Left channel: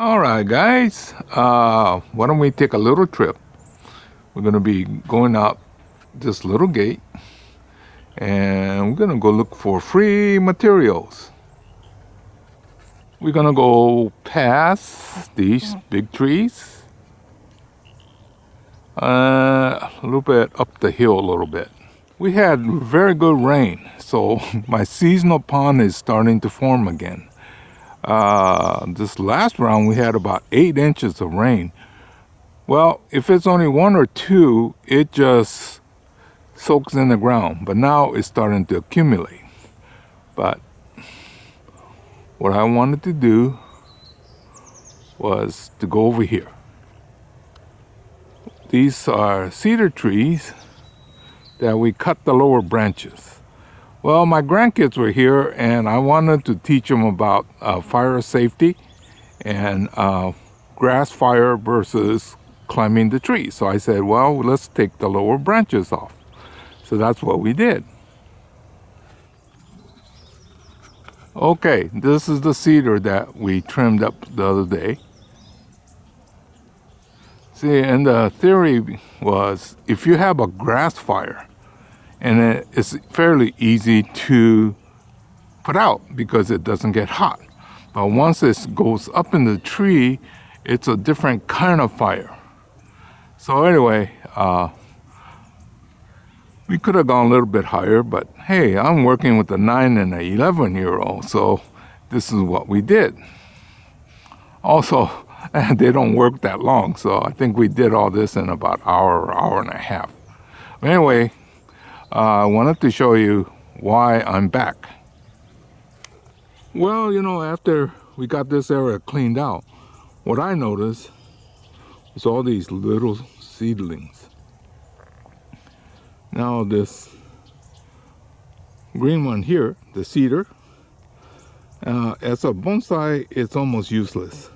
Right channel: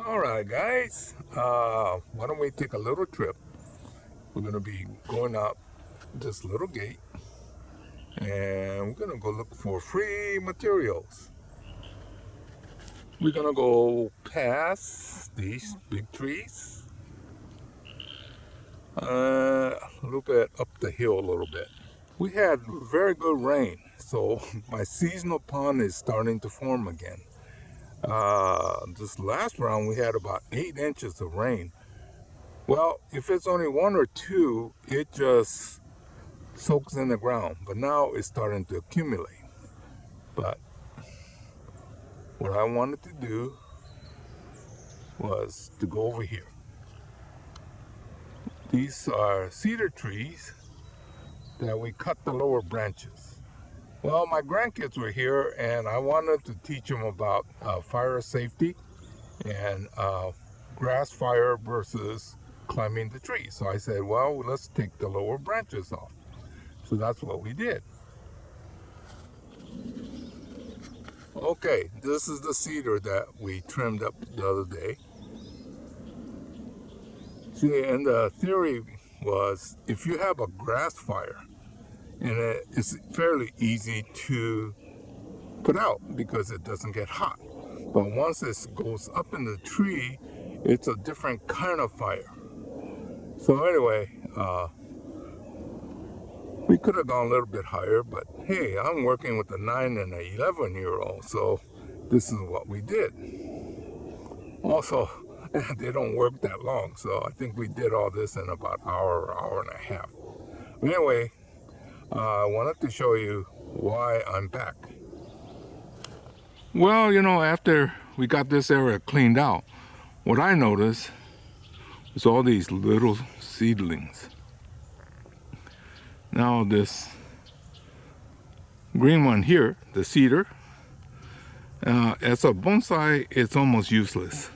Alright guys, why don't we take a little trip. We're going to be going out this little gate and we're going to go look for free materials. We're going to go past these big trees, a little bit up the hill a little bit. We had very good rain, so my seasonal pond is starting to form again. This last round we had about 8 inches of rain. Well, if it's only 1 or 2, it just soaks in the ground, but now it's starting to accumulate. But what I wanted to do was to go over here. These are cedar trees that we cut the lower branches. Well, my grandkids were here and I wanted to teach them about fire safety and grass fire versus climbing the tree. So I said, well, let's take the lower branches off. So that's what we did. Okay, this is the cedar that we trimmed up the other day. See, and the theory was if you have a grass fire, and it's fairly easy to put out because it doesn't get hot. But once it goes up in the tree, it's a different kind of fire. So anyway, we could have gone a little bit higher, but hey, I'm working with a 9 and an 11-year-old, so this is what we did. Also, they don't work that long, so I think we did all this in about an hour and a half. But anyway, I wanted to show you why I'm back. Well, you know, after we got this area cleaned out, what I noticed was all these little seedlings. Now this green one here, the cedar, as a bonsai, it's almost useless.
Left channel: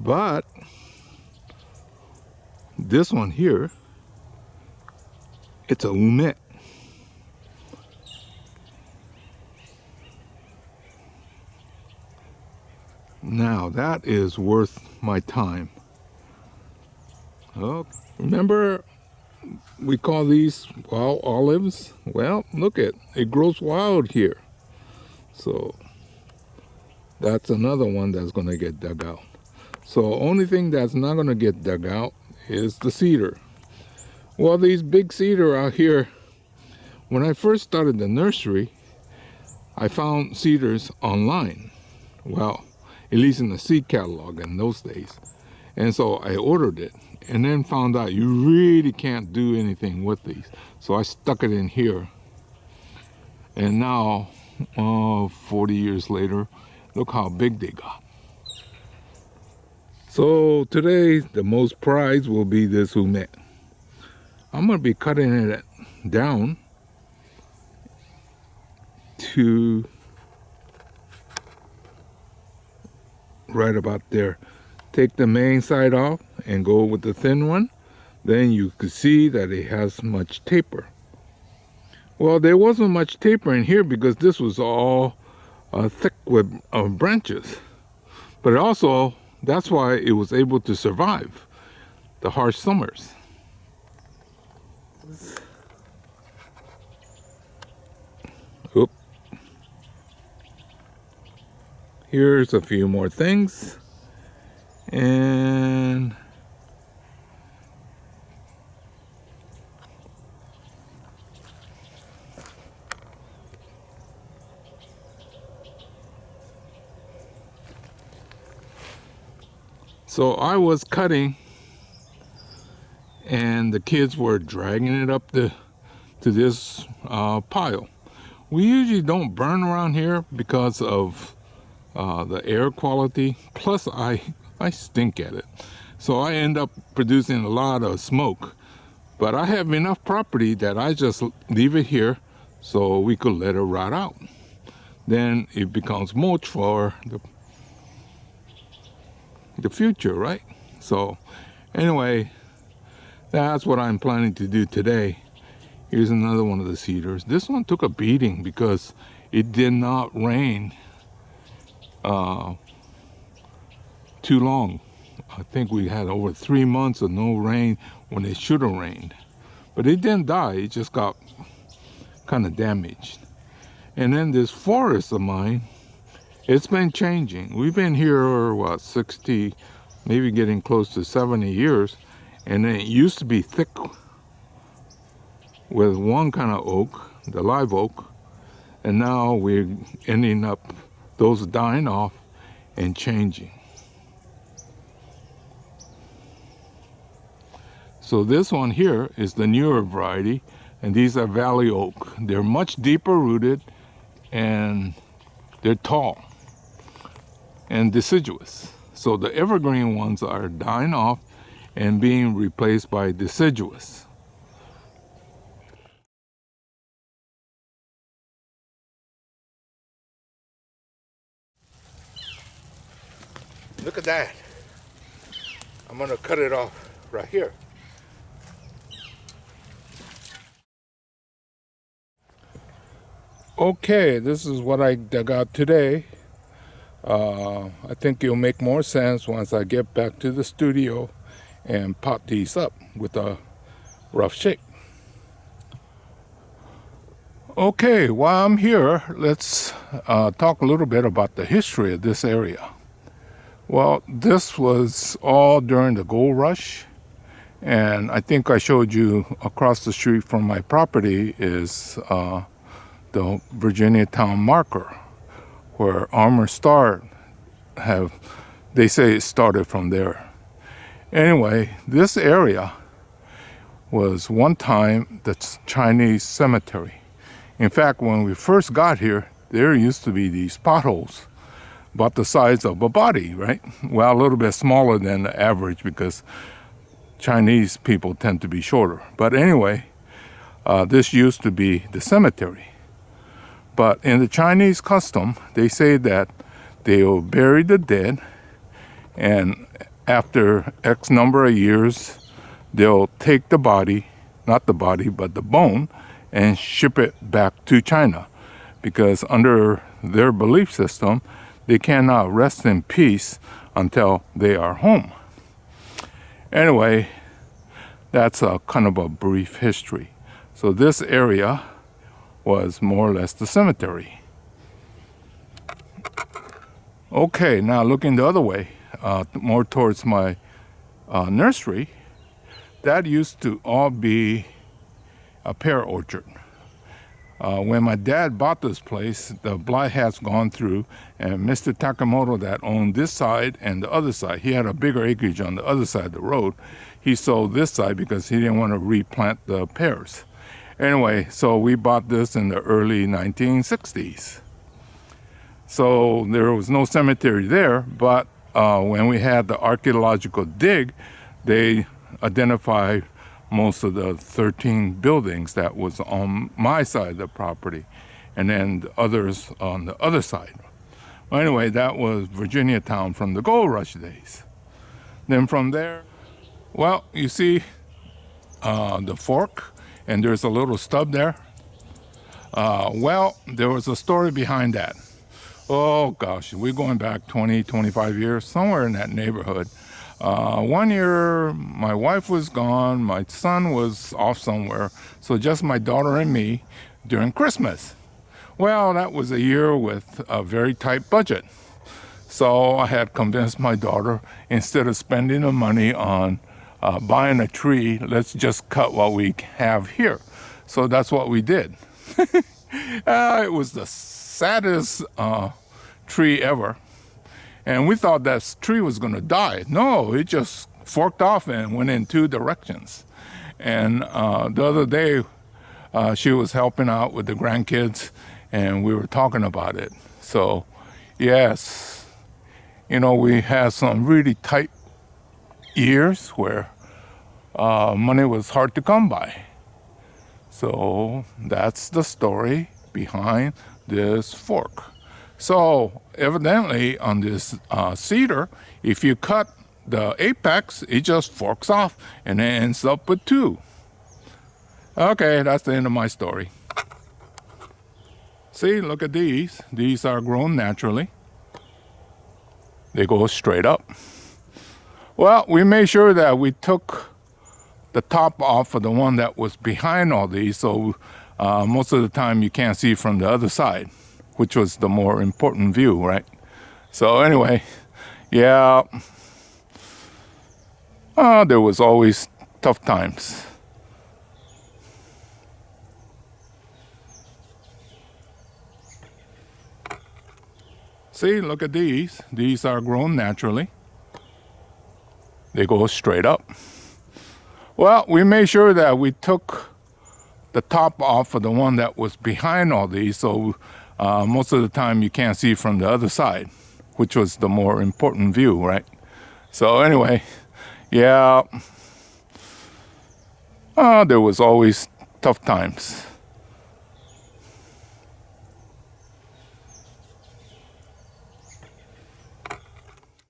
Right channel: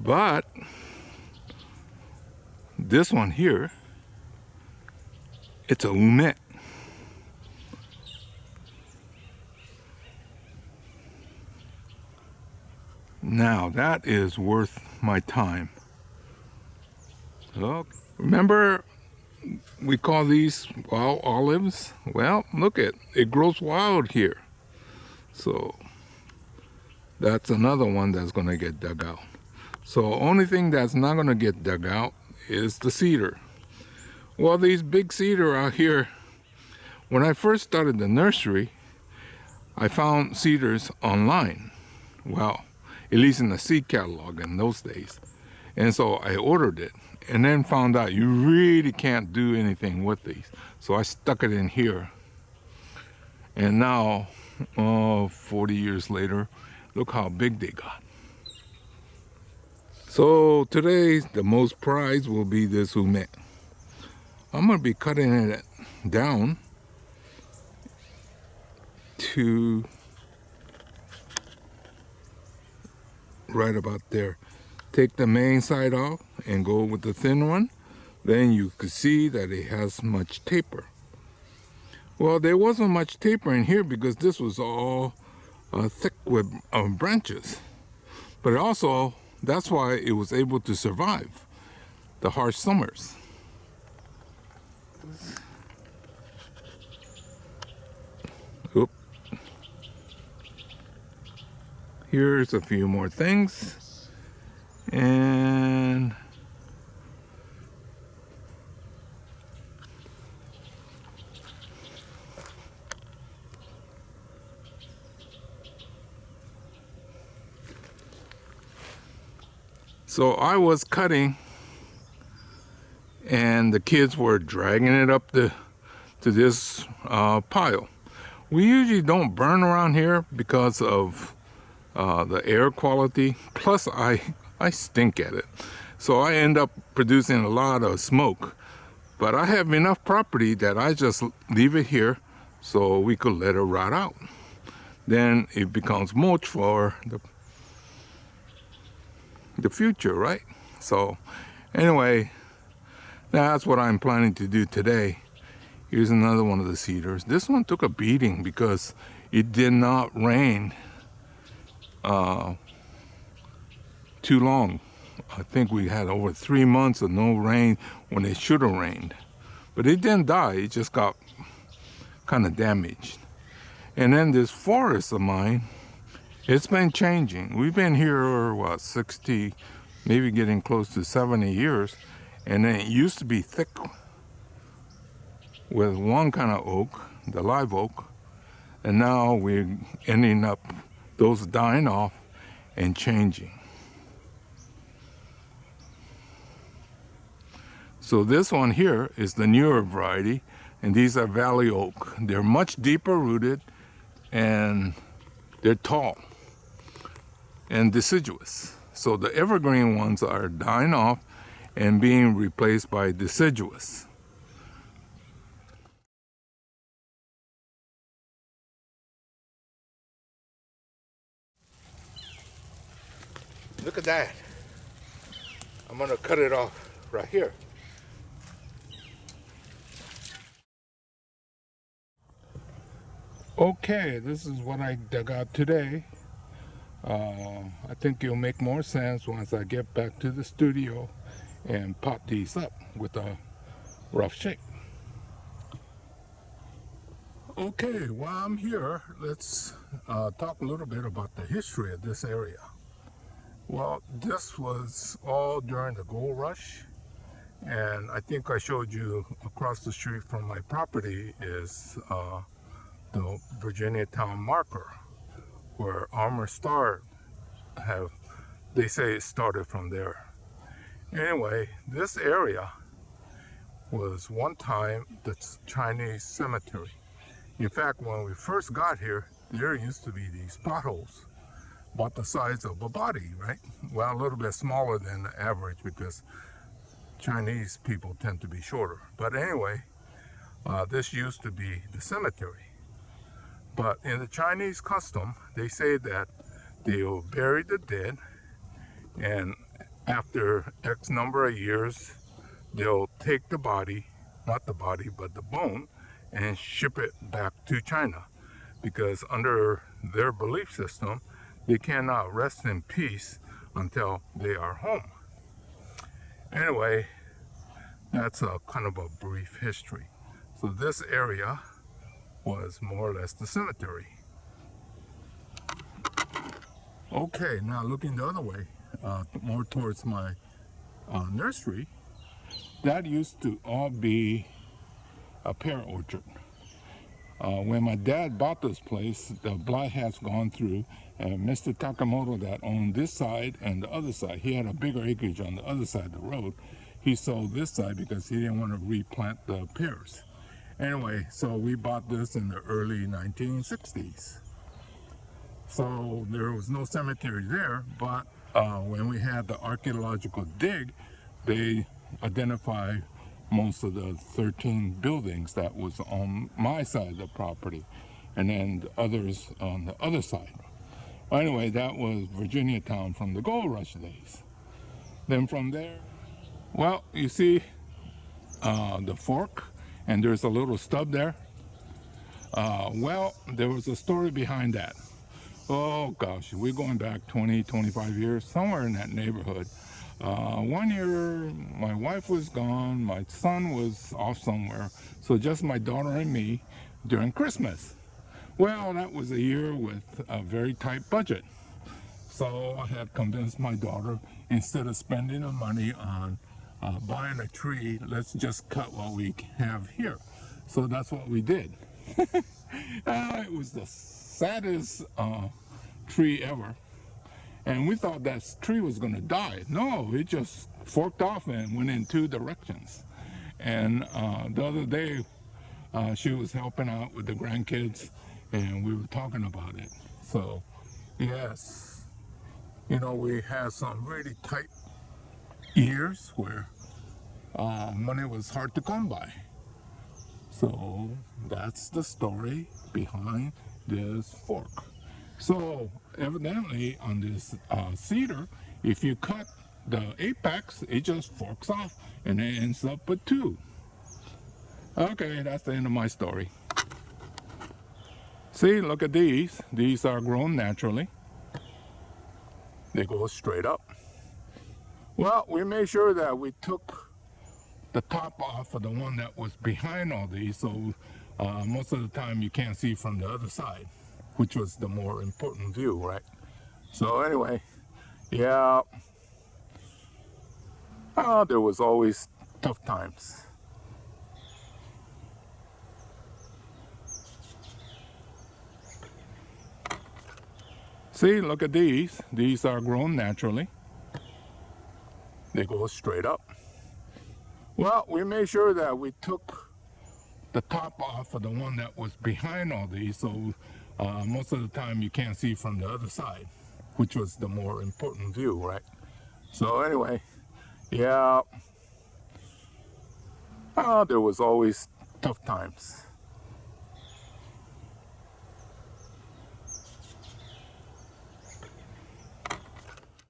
But this one here, it's a ume. Now that is worth my time. Oh, remember we call these wild olives? Well, look it grows wild here. So that's another one that's going to get dug out. So only thing that's not going to get dug out is the cedar. Well, these big cedar out here, when I first started the nursery, I found cedars online. Well, at least in the seed catalog in those days. And so I ordered it and then found out you really can't do anything with these. So I stuck it in here. And now, 40 years later, look how big they got. So today, the most prize will be this ume. I'm going to be cutting it down to right about there. Take the main side off and go with the thin one. Then you could see that it has much taper. Well, there wasn't much taper in here because this was all thick with branches. But also, that's why it was able to survive the harsh summers. Oop. Here's a few more things. And so I was cutting and the kids were dragging it up to this pile. We usually don't burn around here because of the air quality. Plus I stink at it. So I end up producing a lot of smoke. But I have enough property that I just leave it here so we could let it rot out. Then it becomes mulch for the future, right? So anyway, that's what I'm planning to do today. Here's another one of the cedars. This one took a beating because it did not rain too long. I think we had over 3 months of no rain when it should have rained. But it didn't die, it just got kind of damaged. And then this forest of mine, it's been changing. We've been here, 60, maybe getting close to 70 years. And then it used to be thick with one kind of oak, the live oak. And now we're ending up those dying off and changing. So this one here is the newer variety, and these are valley oak. They're much deeper rooted and they're tall and deciduous. So the evergreen ones are dying off and being replaced by deciduous. Look at that. I'm gonna cut it off right here. Okay, this is what I dug out today. I think it'll make more sense once I get back to the studio and pot these up with a rough shake. Okay, while I'm here, let's talk a little bit about the history of this area. Well, this was all during the gold rush, and I think I showed you across the street from my property is the Virginia Town marker, where Armour Star they say it started from there. Anyway, this area was one time the Chinese cemetery. In fact, when we first got here, there used to be these potholes about the size of a body, right? Well, a little bit smaller than the average because Chinese people tend to be shorter. But anyway, this used to be the cemetery. But in the Chinese custom, they say that they'll bury the dead, and after X number of years, they'll take the body, not the body, but the bone, and ship it back to China. Because under their belief system, they cannot rest in peace until they are home. Anyway, that's a kind of a brief history. So this area was more or less the cemetery. Okay, now looking the other way, more towards my nursery, that used to all be a pear orchard. When my dad bought this place, the blight has gone through, and Mr. Takamoto that owned this side and the other side, he had a bigger acreage on the other side of the road. He sold this side because he didn't want to replant the pears. Anyway, so we bought this in the early 1960s. So there was no cemetery there, but when we had the archaeological dig, they identified most of the 13 buildings that was on my side of the property, and then the others on the other side. Well, anyway, that was Virginia Town from the gold rush days. Then from there, well, you see the fork, and there's a little stub there. Well, there was a story behind that. Oh gosh, we're going back 20, 25 years, somewhere in that neighborhood. One year, my wife was gone, my son was off somewhere, so just my daughter and me during Christmas. Well, that was a year with a very tight budget. So I had convinced my daughter, instead of spending the money on buying a tree, let's just cut what we have here. So that's what we did. It was the saddest tree ever. And we thought that tree was going to die. No, it just forked off and went in two directions. And the other day, she was helping out with the grandkids, and we were talking about it. So, yes, you know, we had some really tight years where money was hard to come by. So that's the story behind this fork. So evidently on this cedar, if you cut the apex, it just forks off and it ends up with two. Okay, that's the end of my story. See, look at these. These are grown naturally. they go straight up. Well, we made sure that we took the top off of the one that was behind all these, so most of the time you can't see from the other side, which was the more important view, right? So anyway, yeah, there was always tough times. See, look at these. These are grown naturally. They go straight up. Well, we made sure that we took the top off of the one that was behind all these, so most of the time you can't see from the other side, which was the more important view, right? So anyway, yeah, there was always tough times.